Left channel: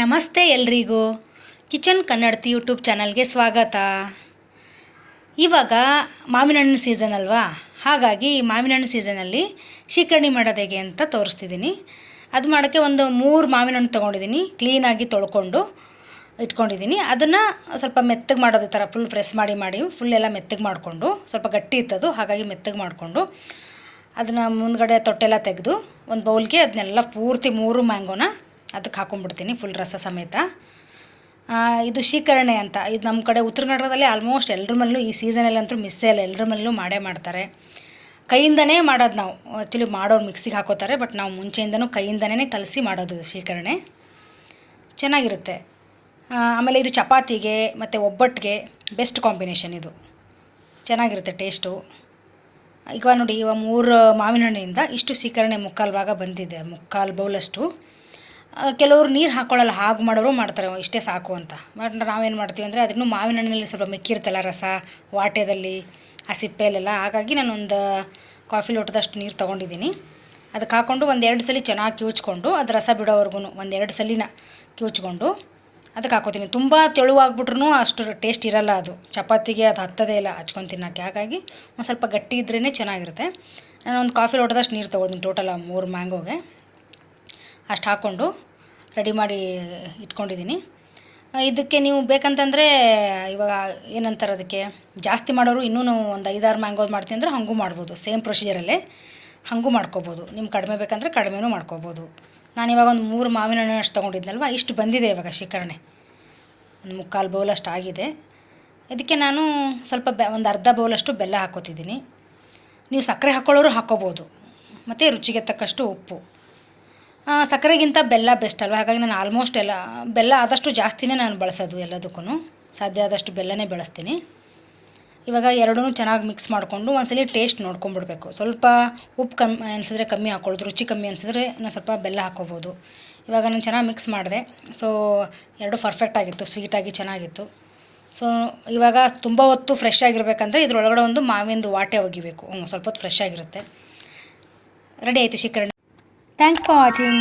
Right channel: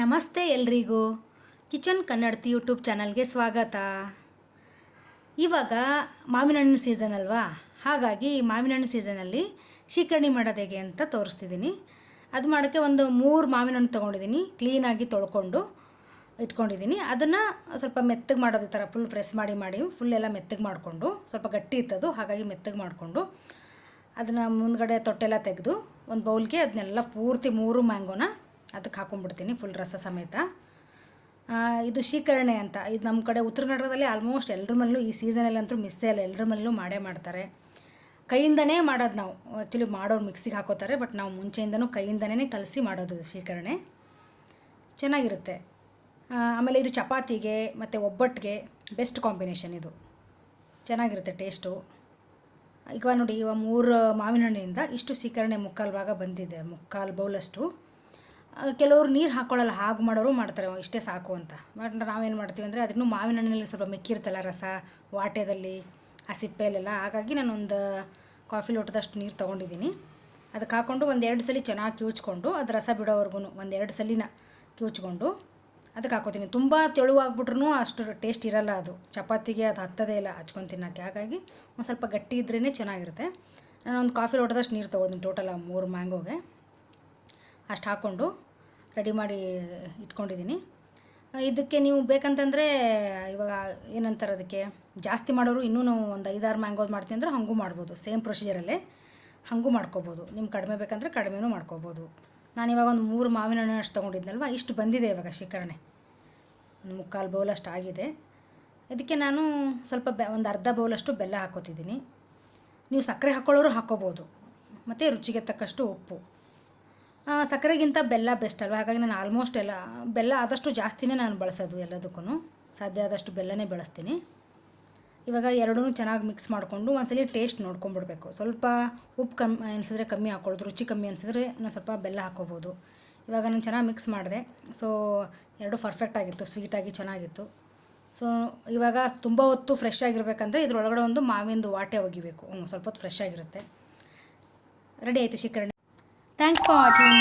ನಮಸ್ತೆ ಎಲ್ರಿಗೂ ಕಿಚನ್ ಕನ್ನಡತಿ ಯೂಟ್ಯೂಬ್ ಚಾನಲ್ಗೆ ಸ್ವಾಗತ. ಇವಾಗ ಮಾವಿನ ಹಣ್ಣಿನ ಸೀಸನ್ ಅಲ್ವಾ, ಹಾಗಾಗಿ ಈ ಮಾವಿನ ಹಣ್ಣು ಸೀಸನಲ್ಲಿ ಶೀಕರಣೆ ಮಾಡೋದು ಹೇಗೆ ಅಂತ ತೋರಿಸ್ತಿದ್ದೀನಿ. ಅದು ಮಾಡೋಕ್ಕೆ ಒಂದು 3 ಮಾವಿನ ಹಣ್ಣು ತೊಗೊಂಡಿದ್ದೀನಿ, ಕ್ಲೀನಾಗಿ ತೊಳ್ಕೊಂಡು ಇಟ್ಕೊಂಡಿದ್ದೀನಿ. ಅದನ್ನು ಸ್ವಲ್ಪ ಮೆತ್ತಗೆ ಮಾಡೋದು, ಥರ ಫುಲ್ ಪ್ರೆಸ್ ಮಾಡಿ ಫುಲ್ ಎಲ್ಲ ಮೆತ್ತಗೆ ಮಾಡಿಕೊಂಡು, ಸ್ವಲ್ಪ ಗಟ್ಟಿ ಇತ್ತದು ಹಾಗಾಗಿ ಮೆತ್ತಗೆ ಮಾಡಿಕೊಂಡು ಅದನ್ನು ಮುಂದ್ಗಡೆ ತೊಟ್ಟೆಲ್ಲ ತೆಗೆದು ಒಂದು ಬೌಲ್ಗೆ ಅದನ್ನೆಲ್ಲ ಪೂರ್ತಿ 3 ಮ್ಯಾಂಗೋನ ಅದಕ್ಕೆ ಹಾಕೊಂಡ್ಬಿಡ್ತೀನಿ ಫುಲ್ ರಸ ಸಮೇತ. ಇದು ಶೀಕರಣೆ ಅಂತ, ಇದು ನಮ್ಮ ಕಡೆ ಉತ್ತರ ಕನ್ನಡದಲ್ಲಿ ಆಲ್ಮೋಸ್ಟ್ ಎಲ್ಲರ ಮನೇಲೂ ಈ ಸೀಸನಲ್ಲಿ ಅಂತೂ ಮಿಸ್ಸೇ ಇಲ್ಲ, ಎಲ್ಲರ ಮನೇಲೂ ಮಾಡೇ ಮಾಡ್ತಾರೆ. ಕೈಯಿಂದನೇ ಮಾಡೋದು ನಾವು, ಆ್ಯಕ್ಚುಲಿ ಮಾಡೋರು ಮಿಕ್ಸಿಗೆ ಹಾಕೋತಾರೆ, ಬಟ್ ನಾವು ಮುಂಚೆಯಿಂದನೂ ಕೈಯಿಂದನೇ ಕಲಸಿ ಮಾಡೋದು ಶೀಕರಣೆ. ಚೆನ್ನಾಗಿರುತ್ತೆ. ಆಮೇಲೆ ಇದು ಚಪಾತಿಗೆ ಮತ್ತು ಒಬ್ಬಟ್ಟಿಗೆ ಬೆಸ್ಟ್ ಕಾಂಬಿನೇಷನ್, ಇದು ಚೆನ್ನಾಗಿರುತ್ತೆ ಟೇಸ್ಟು. ಈಗ ನೋಡಿ, ಇವಾಗ 3 ಮಾವಿನ ಹಣ್ಣಿಂದ ಇಷ್ಟು ಶೀಕರಣೆ ಮುಕ್ಕಾಲು ಭಾಗ ಬಂದಿದೆ, ಮುಕ್ಕಾಲು ಬೌಲಷ್ಟು. ಕೆಲವರು ನೀರು ಹಾಕ್ಕೊಳ್ಳಲ್ಲ, ಹಾಗೆ ಮಾಡೋರು ಮಾಡ್ತಾರೆ ಇಷ್ಟೇ ಸಾಕು ಅಂತ. ಬಟ್ ನಾವೇನು ಮಾಡ್ತೀವಿ ಅಂದರೆ ಅದನ್ನು ಮಾವಿನ ಹಣ್ಣಿನಲ್ಲಿ ಸ್ವಲ್ಪ ಮೆಕ್ಕಿರುತ್ತಲ್ಲ ರಸ, ವಾಟೆದಲ್ಲಿ ಆ ಸಿಪ್ಪೆಯಲ್ಲೆಲ್ಲ, ಹಾಗಾಗಿ ನಾನೊಂದು ಕಾಫಿ ಲೋಟದಷ್ಟು ನೀರು ತೊಗೊಂಡಿದ್ದೀನಿ. ಅದಕ್ಕೆ ಹಾಕ್ಕೊಂಡು 1-2 ಸಲ ಚೆನ್ನಾಗಿ ಕಿವುಚ್ಕೊಂಡು, ಅದು ರಸ ಬಿಡೋವರೆಗೂ 1-2 ಸಲಿನ ಕಿವುಚ್ಕೊಂಡು ಅದಕ್ಕೆ ಹಾಕೋತೀನಿ. ತುಂಬ ತೆಳುವಾಗ್ಬಿಟ್ರೂ ಅಷ್ಟು ಟೇಸ್ಟ್ ಇರೋಲ್ಲ, ಅದು ಚಪಾತಿಗೆ ಅದು ಹತ್ತದೇ ಇಲ್ಲ ಹಚ್ಕೊಂಡು ತಿನ್ನೋಕ್ಕೆ. ಹಾಗಾಗಿ ಒಂದು ಸ್ವಲ್ಪ ಗಟ್ಟಿ ಇದ್ರೇ ಚೆನ್ನಾಗಿರುತ್ತೆ. ನಾನೊಂದು ಕಾಫಿ ಲೋಟದಷ್ಟು ನೀರು ತೊಗೊಳ್ತೀನಿ, ಟೋಟಲ್ 3 ಮ್ಯಾಂಗೋಗೆ ಅಷ್ಟು ಹಾಕ್ಕೊಂಡು ರೆಡಿ ಮಾಡಿ ಇಟ್ಕೊಂಡಿದ್ದೀನಿ. ಇದಕ್ಕೆ ನೀವು ಬೇಕಂತಂದರೆ ಇವಾಗ ಏನಂತಾರೆ, ಅದಕ್ಕೆ ಜಾಸ್ತಿ ಮಾಡೋರು ಇನ್ನೂ ಒಂದು 5-6 ಮ್ಯಾಂಗೋದು ಮಾಡ್ತೀನಿ ಅಂದರೆ ಹಾಗೂ ಮಾಡ್ಬೋದು, ಸೇಮ್ ಪ್ರೊಸೀಜರಲ್ಲೇ ಹಾಗೂ ಮಾಡ್ಕೋಬೋದು. ನಿಮ್ಗೆ ಕಡಿಮೆ ಬೇಕಂದರೆ ಕಡಿಮೆನೂ ಮಾಡ್ಕೋಬೋದು. ನಾನಿವಾಗ ಒಂದು 3 ಮಾವಿನ ಹಣ್ಣು ಅಷ್ಟು ತೊಗೊಂಡಿದ್ನಲ್ವ, ಇಷ್ಟು ಬಂದಿದೆ ಇವಾಗ ಶೀಕರಣೆ, ಒಂದು ಮುಕ್ಕಾಲು ಬೌಲಷ್ಟು ಆಗಿದೆ. ಇದಕ್ಕೆ ನಾನು ಸ್ವಲ್ಪ ಒಂದು ಅರ್ಧ ಬೌಲಷ್ಟು ಬೆಲ್ಲ ಹಾಕ್ಕೋತಿದ್ದೀನಿ. ನೀವು ಸಕ್ಕರೆ ಹಾಕ್ಕೊಳ್ಳೋರು ಹಾಕ್ಕೋಬೋದು, ಮತ್ತು ರುಚಿಗೆ ತಕ್ಕಷ್ಟು ಉಪ್ಪು. ಸಕ್ಕರೆಗಿಂತ ಬೆಲ್ಲ ಬೆಸ್ಟ್ ಅಲ್ವ, ಹಾಗಾಗಿ ನಾನು ಆಲ್ಮೋಸ್ಟ್ ಎಲ್ಲ ಬೆಲ್ಲ ಆದಷ್ಟು ಜಾಸ್ತಿನೇ ನಾನು ಬಳಸೋದು, ಎಲ್ಲದಕ್ಕೂ ಸಾಧ್ಯ ಆದಷ್ಟು ಬೆಲ್ಲನೇ ಬಳಸ್ತೀನಿ. ಇವಾಗ ಎರಡೂ ಚೆನ್ನಾಗಿ ಮಿಕ್ಸ್ ಮಾಡಿಕೊಂಡು ಒಂದ್ಸಲಿ ಟೇಸ್ಟ್ ನೋಡ್ಕೊಂಡ್ಬಿಡ್ಬೇಕು. ಸ್ವಲ್ಪ ಉಪ್ಪು ಕಮ್ಮಿ ಅನಿಸಿದ್ರೆ ಕಮ್ಮಿ ಹಾಕ್ಕೊಳ್ಳೋದು, ರುಚಿ ಕಮ್ಮಿ ಅನಿಸಿದ್ರೆ ನಾನು ಸ್ವಲ್ಪ ಬೆಲ್ಲ ಹಾಕ್ಕೋಬೋದು. ಇವಾಗ ನಾನು ಚೆನ್ನಾಗಿ ಮಿಕ್ಸ್ ಮಾಡಿದೆ, ಸೊ ಎರಡು ಪರ್ಫೆಕ್ಟ್ ಆಗಿತ್ತು, ಸ್ವೀಟಾಗಿ ಚೆನ್ನಾಗಿತ್ತು. ಸೊ ಇವಾಗ ತುಂಬ ಹೊತ್ತು ಫ್ರೆಶ್ ಆಗಿರಬೇಕಂದ್ರೆ ಇದ್ರೊಳಗಡೆ ಒಂದು ಮಾವಿಂದು ವಾಟೆ ಒಗಿಬೇಕು, ಸ್ವಲ್ಪ ಹೊತ್ತು ಫ್ರೆಶ್ ಆಗಿರುತ್ತೆ. ರೆಡಿ ಆಯಿತು ಶೀಕರಣೆ. Thanks for watching.